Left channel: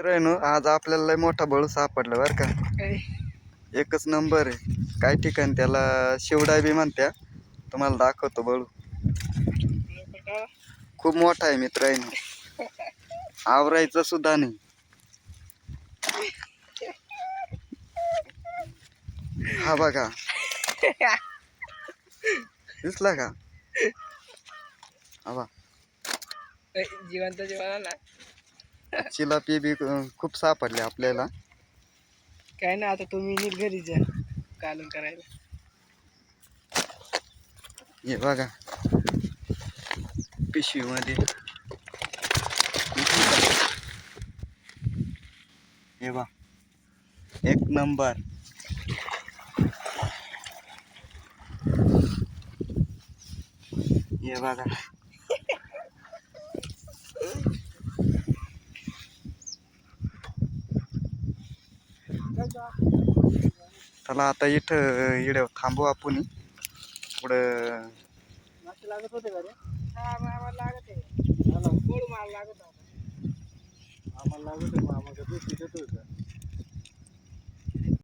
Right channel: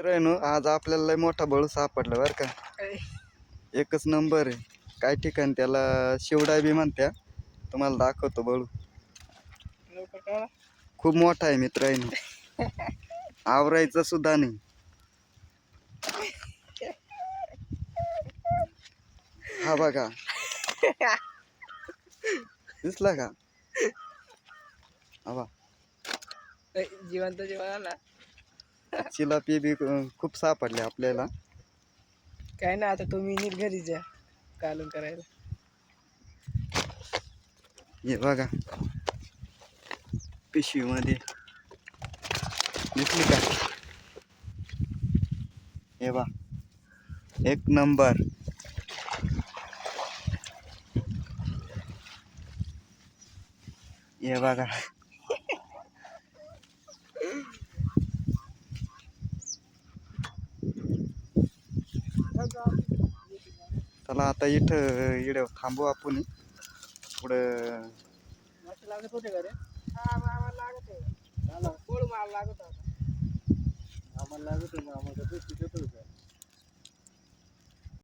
मित्रांनो, आज आपल्याला लय मोठा बळू सापडला बरं का. एकच नंबर आहे. काही ठिकाणी त्याला शिवडाय बी म्हणत्या. तुम्हाला दाखवतो बळू. खूप मोठा आहे मित्रांनो. आवरायचा सुद्धा नाही. हा बघा. दिसला का? हा जिवंत जीवाला चिलापी बी खूप सापडले आपल्याला. काय ना आता तुम्ही नीट घरी जा कालून करायला. हे बघा पिशवी मध्ये हे बा एक नंबर. हे बघा चला आता इथं थांबू आपण. पुढं मस्त लागत होते का रे? हा आम्हाला लागत आहे. कोळ माल लागत होता. आम्हाला लागत होता, आम्हाला दूध पित होतं.